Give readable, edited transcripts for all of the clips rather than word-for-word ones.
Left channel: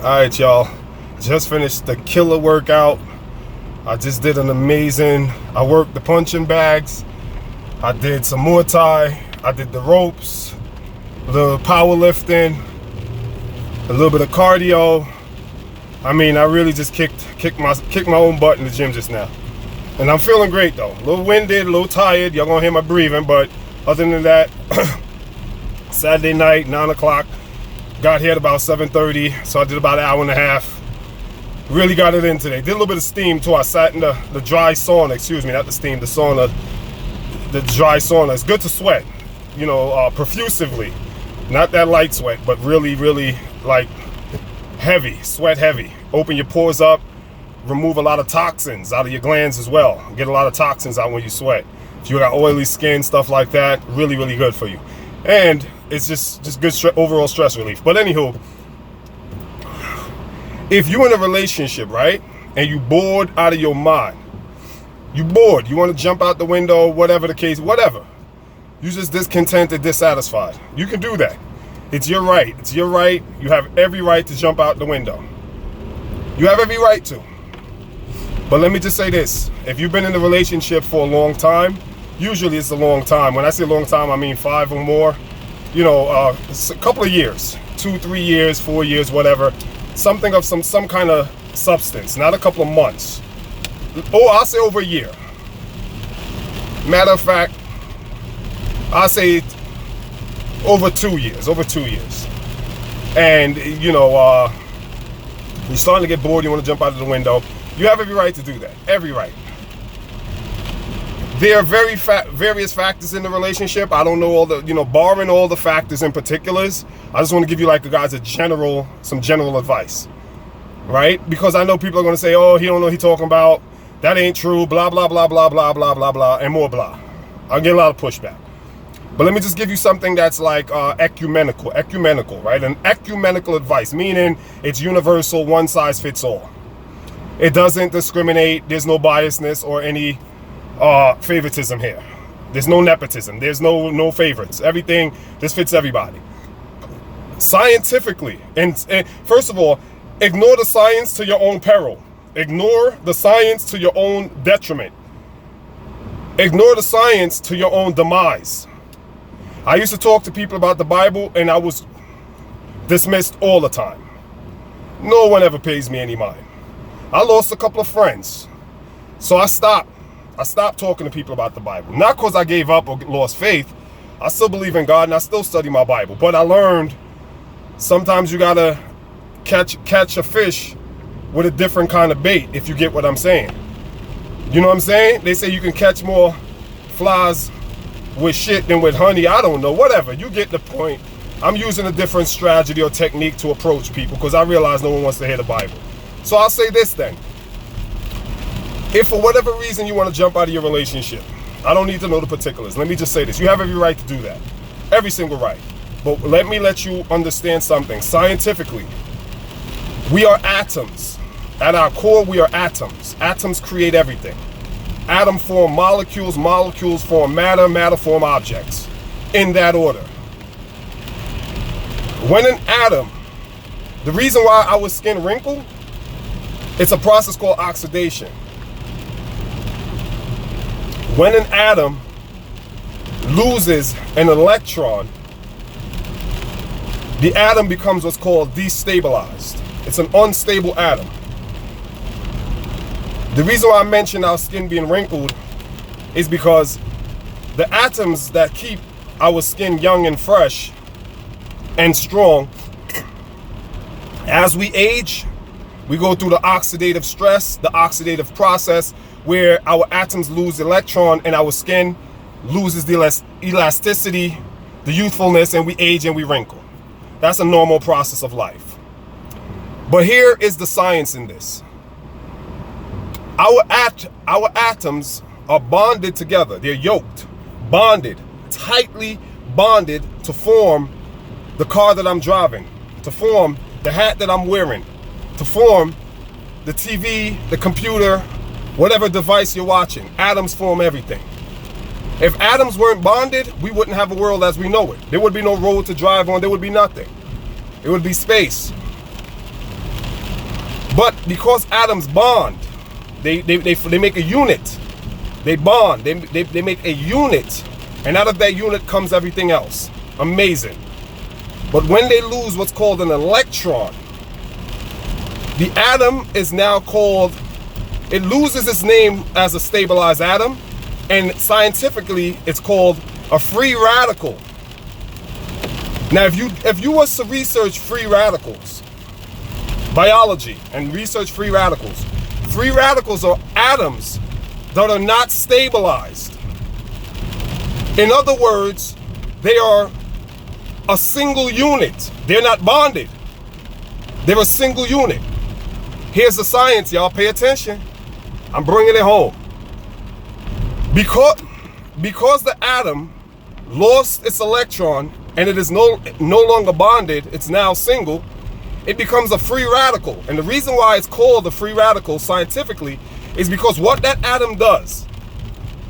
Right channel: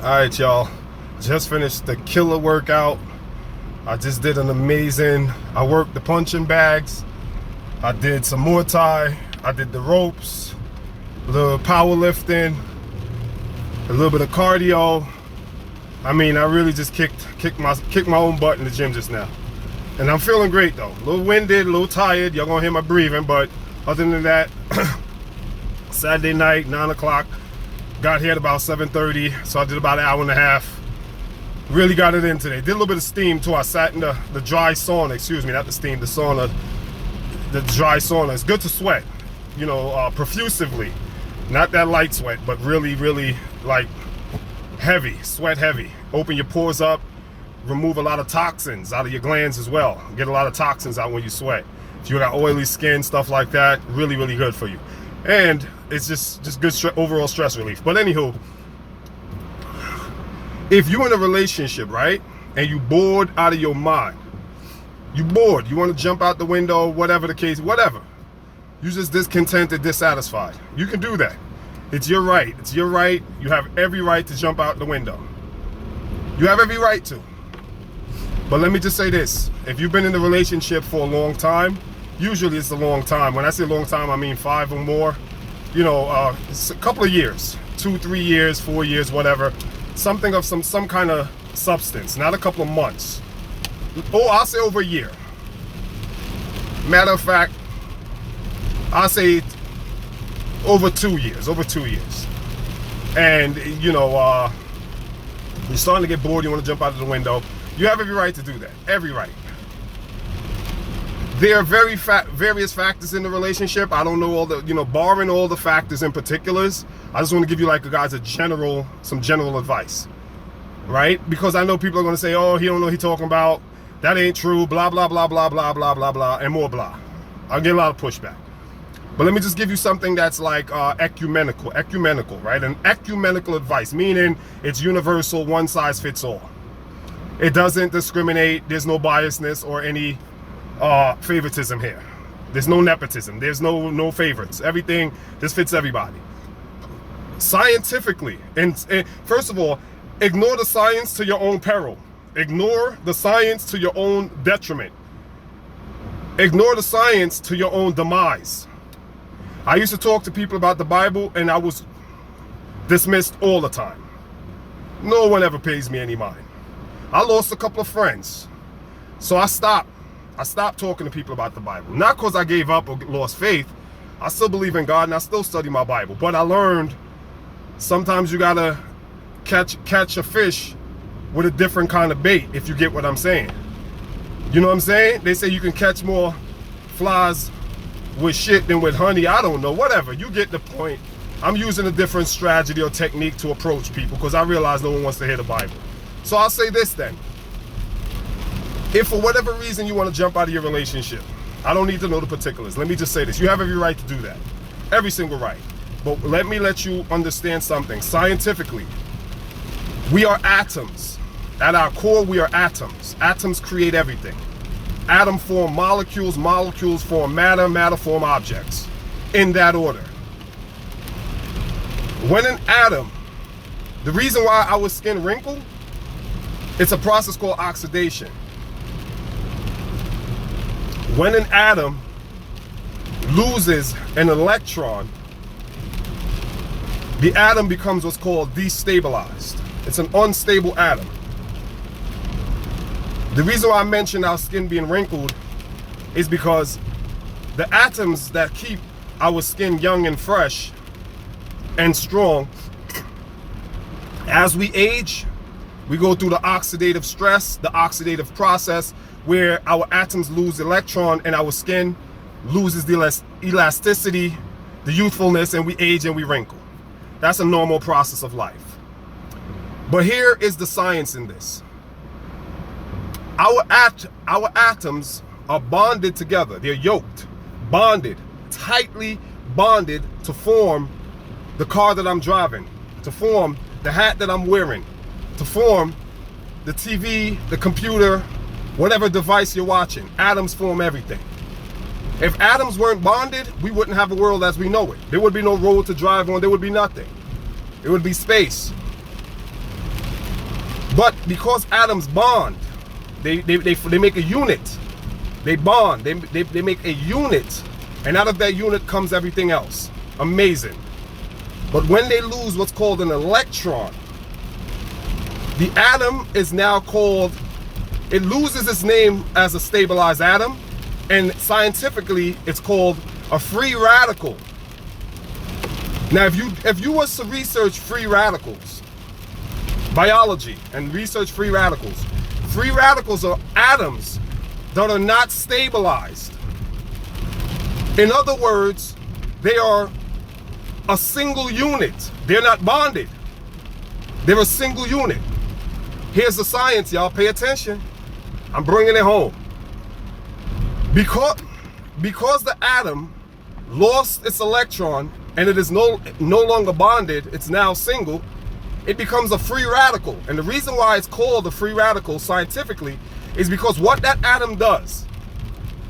Alright, y'all. Just finished the killer workout. I just did an amazing. I worked the punching bags. I did some Muay Thai. I did the ropes, the powerlifting, a little bit of cardio. I mean, I really just kicked my own butt in the gym just now. And I'm feeling great though. A little winded, a little tired. Y'all gonna hear my breathing, but other than that, Saturday night, 9 o'clock. Got here at about 7:30, so I did about an hour and a half. Really got it in today. Did a little bit of steam too. I sat in the dry sauna, excuse me, not the steam, the sauna, the dry sauna. It's good to sweat, you know, profusively. Not that light sweat, but really, really like heavy, sweat heavy. Open your pores up, remove a lot of toxins out of your glands as well. Get a lot of toxins out when you sweat. If you got oily skin, stuff like that, really, really good for you. And it's just good overall stress relief. But anywho, if you're in a relationship, right, and you bored out of your mind, you bored, you want to jump out the window, whatever the case, whatever. You just discontented, dissatisfied. You can do that. It's your right. It's your right. You have every right to jump out the window. You have every right to. But let me just say this. If you've been in a relationship for a long time, usually it's a long time. When I say long time, I mean 5 or more. You know, it's a couple of years, 2, 3 years, 4 years, whatever. Something of some kind of substance, not a couple of months. Oh, I'll say over a year. Matter of fact, I'll say over 2 years, And, you know, you're starting to get bored, you want to jump out of the window. You have every right to do that, every right. There are various factors in the relationship. I don't know all the, you know, barring all the factors in particulars. I just want to give you like some general advice, right? Because I know people are going to say, oh, he don't know what he's talking about. That ain't true, blah, blah, blah, blah, blah, blah, blah, blah, and more blah. I'll get a lot of pushback. But let me just give you something that's like ecumenical, right? An ecumenical advice, meaning it's universal, one size fits all. It doesn't discriminate. There's no biasness or any favoritism here. There's no nepotism. There's no favorites. Everything, this fits everybody. Scientifically, and first of all, ignore the science to your own peril. Ignore the science to your own detriment. Ignore the science to your own demise. I used to talk to people about the Bible and I was dismissed all the time. No one ever pays me any mind. I lost a couple of friends. So I stopped talking to people about the Bible. Not because I gave up or lost faith. I still believe in God and I still study my Bible. But I learned sometimes you gotta catch a fish with a different kind of bait, if you get what I'm saying. You know what I'm saying? They say you can catch more flies with shit than with honey. I don't know, whatever. You get the point. I'm using a different strategy or technique to approach people because I realize no one wants to hear the Bible. So I'll say this then. If for whatever reason you want to jump out of your relationship, I don't need to know the particulars. Let me just say this. You have every right to do that. Every single right. But let you understand something. Scientifically, we are atoms. At our core, we are atoms. Atoms create everything. Atom form molecules, molecules form matter, matter form objects. In that order. When an atom, the reason why our skin wrinkle, it's a process called oxidation. When an atom loses an electron, the atom becomes what's called destabilized. It's an unstable atom. The reason why I mentioned our skin being wrinkled is because the atoms that keep our skin young and fresh and strong, as we age, we go through the oxidative stress, the oxidative process, where our atoms lose electron and our skin loses the elasticity, the youthfulness, and we age and we wrinkle. That's a normal process of life. But here is the science in this. Our atoms are bonded together. They're yoked, bonded, tightly bonded to form the car that I'm driving, to form the hat that I'm wearing, to form the TV, the computer, whatever device you're watching. Atoms form everything. If atoms weren't bonded, we wouldn't have a world as we know it. There would be no road to drive on. There would be nothing. It would be space. But because atoms bond, they make a unit. They bond, they make a unit, and out of that unit comes everything else. Amazing. But when they lose what's called an electron, the atom is now called, it loses its name as a stabilized atom, and scientifically it's called a free radical. Now if you was to research free radicals, biology, and research free radicals are atoms that are not stabilized. In other words, they are a single unit. They're not bonded. They're a single unit. Here's the science, y'all. Pay attention. I'm bringing it home. Because the atom lost its electron and it is no longer bonded, it's now single, it becomes a free radical. And the reason why it's called a free radical scientifically is because what that atom does,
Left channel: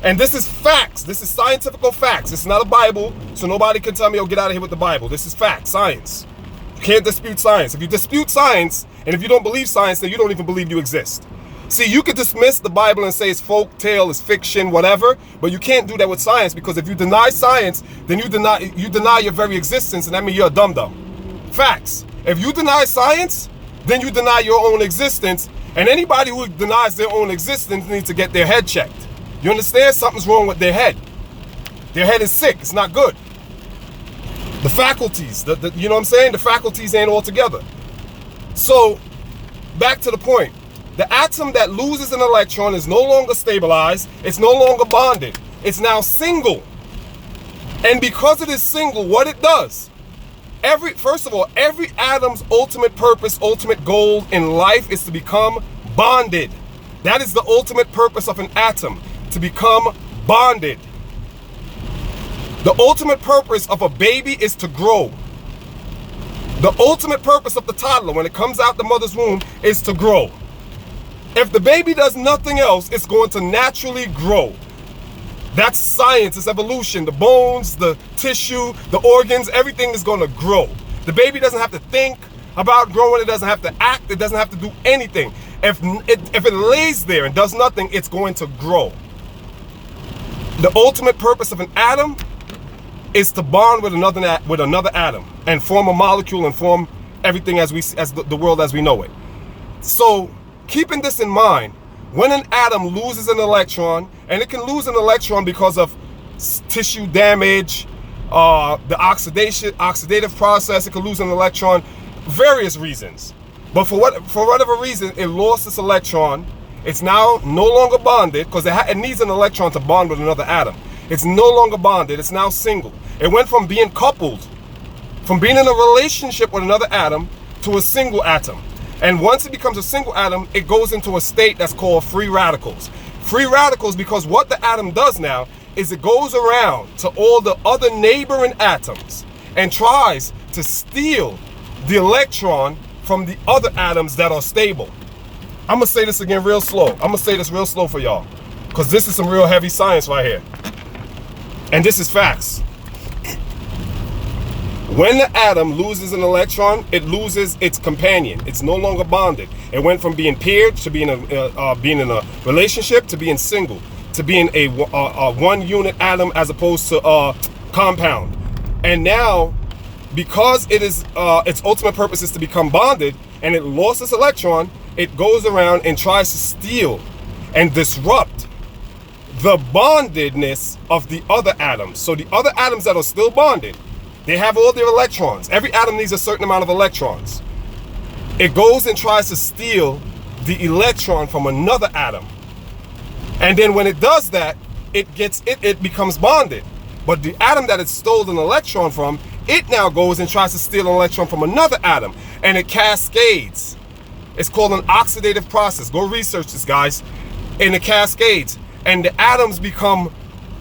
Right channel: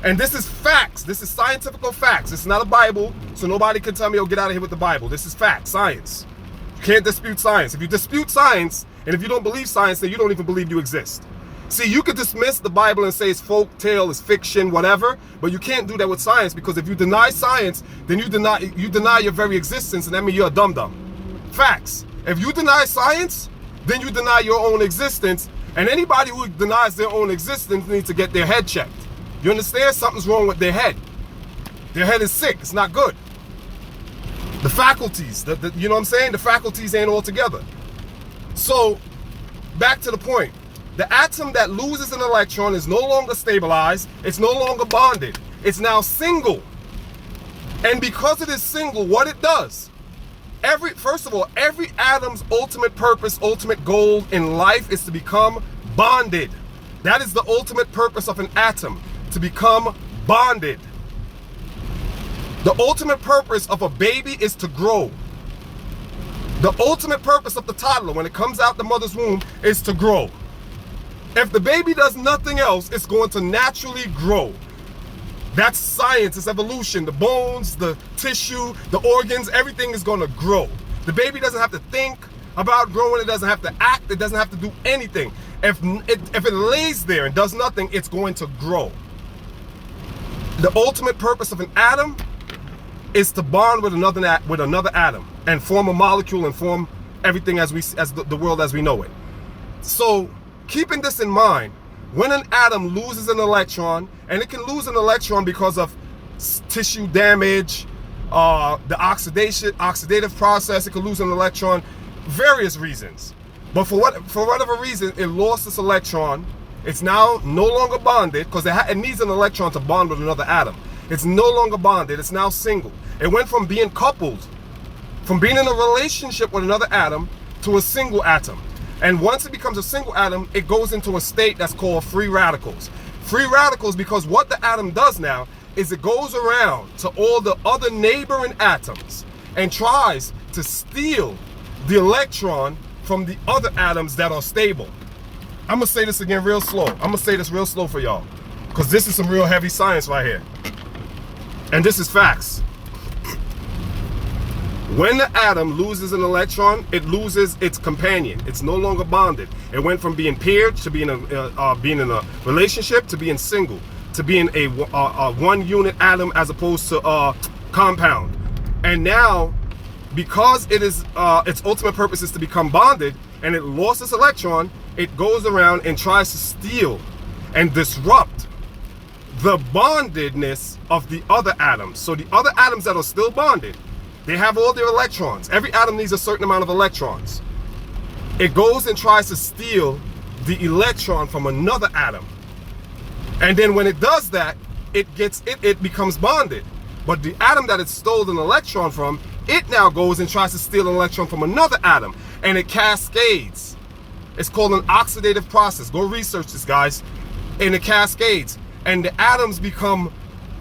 and this is facts, this is scientific facts, this is not a Bible, so nobody can tell me, oh, get out of here with the Bible. This is facts, science. You can't dispute science. If you dispute science, and if you don't believe science, then you don't even believe you exist. See, you could dismiss the Bible and say it's folk tale, it's fiction, whatever, but you can't do that with science, because if you deny science, then you deny your very existence, and that means you're a dum-dum. Facts. If you deny science, then you deny your own existence, and anybody who denies their own existence needs to get their head checked. You understand? Something's wrong with their head. Their head is sick. It's not good. The faculties, you know what I'm saying? The faculties ain't all together. So, back to the point. The atom that loses an electron is no longer stabilized. It's no longer bonded. It's now single. And because it is single, what it does, first of all, every atom's ultimate purpose, ultimate goal in life is to become bonded. That is the ultimate purpose of an atom, to become bonded. The ultimate purpose of a baby is to grow. The ultimate purpose of the toddler when it comes out the mother's womb is to grow. If the baby does nothing else, it's going to naturally grow. That's science, it's evolution. The bones, the tissue, the organs, everything is going to grow. The baby doesn't have to think about growing, it doesn't have to act, it doesn't have to do anything. If it lays there and does nothing, it's going to grow. The ultimate purpose of an atom is to bond with another atom and form a molecule and form everything as the world as we know it. So, keeping this in mind, when an atom loses an electron, and it can lose an electron because of tissue damage, the oxidative process, it can lose an electron, various reasons. But for whatever reason, it lost its electron. It's now no longer bonded because it needs an electron to bond with another atom. It's no longer bonded, it's now single. It went from being coupled, from being in a relationship with another atom to a single atom. And once it becomes a single atom, it goes into a state that's called free radicals. Free radicals because what the atom does now is it goes around to all the other neighboring atoms and tries to steal the electron from the other atoms that are stable. I'm gonna say this again real slow. I'm gonna say this real slow for y'all, because this is some real heavy science right here. And this is facts. When the atom loses an electron, it loses its companion. It's no longer bonded. It went from being paired to being in a relationship to being single, to being a one unit atom as opposed to a compound. And now, because it is its ultimate purpose is to become bonded, and it lost its electron, it goes around and tries to steal and disrupt the bondedness of the other atoms. So the other atoms that are still bonded, they have all their electrons. Every atom needs a certain amount of electrons. It goes and tries to steal the electron from another atom. And then when it does that, it becomes bonded. But the atom that it stole an electron from, it now goes and tries to steal an electron from another atom. And it cascades. It's called an oxidative process. Go research this, guys. And it cascades. And the atoms become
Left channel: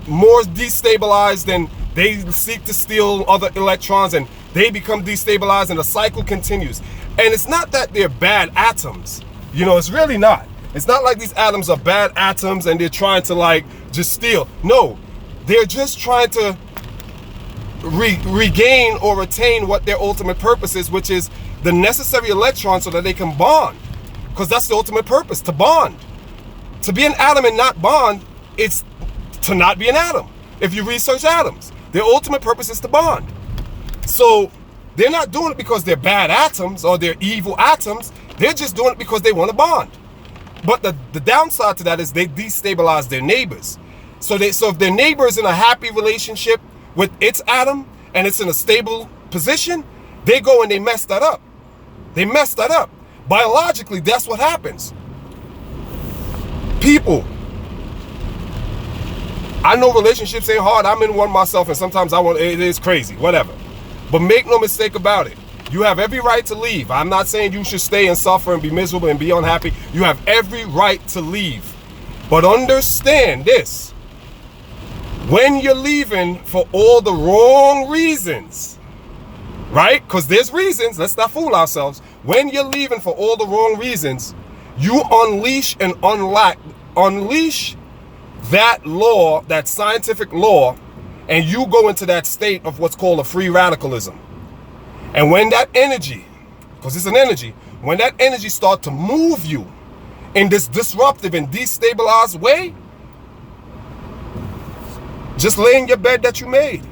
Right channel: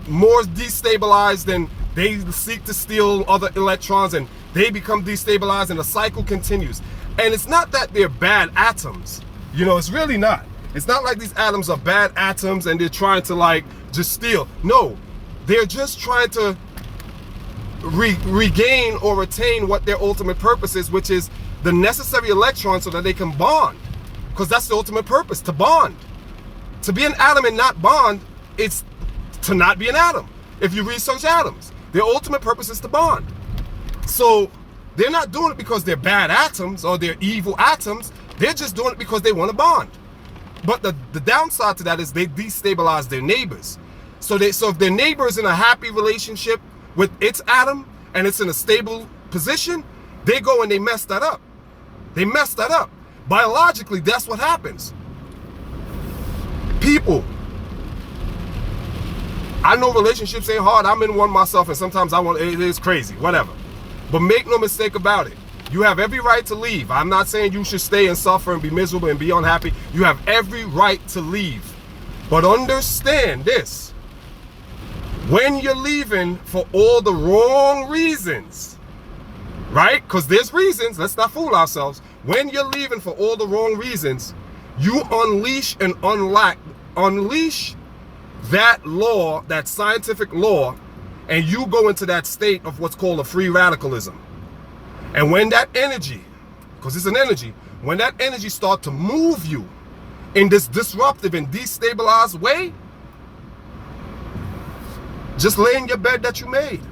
more destabilized, and they seek to steal other electrons, and they become destabilized, and the cycle continues. And it's not that they're bad atoms. You know, it's really not. It's not like these atoms are bad atoms and they're trying to like just steal. No, they're just trying to regain or retain what their ultimate purpose is, which is the necessary electron so that they can bond. Because that's the ultimate purpose, to bond. To be an atom and not bond, it's to not be an atom. If you research atoms, their ultimate purpose is to bond. So they're not doing it because they're bad atoms or they're evil atoms. They're just doing it because they want to bond. But the downside to that is they destabilize their neighbors. So if their neighbor is in a happy relationship with its atom and it's in a stable position, they go and they mess that up. They mess that up. Biologically, that's what happens. People, I know relationships ain't hard. I'm in one myself, and sometimes it is crazy, whatever. But make no mistake about it. You have every right to leave. I'm not saying you should stay and suffer and be miserable and be unhappy. You have every right to leave. But understand this. When you're leaving for all the wrong reasons, right? Because there's reasons. Let's not fool ourselves. When you're leaving for all the wrong reasons, you unleash and unleash that law, that scientific law, and you go into that state of what's called a free radicalism. And when that energy, because it's an energy, when that energy starts to move you in this disruptive and destabilized way, just lay in your bed that you made.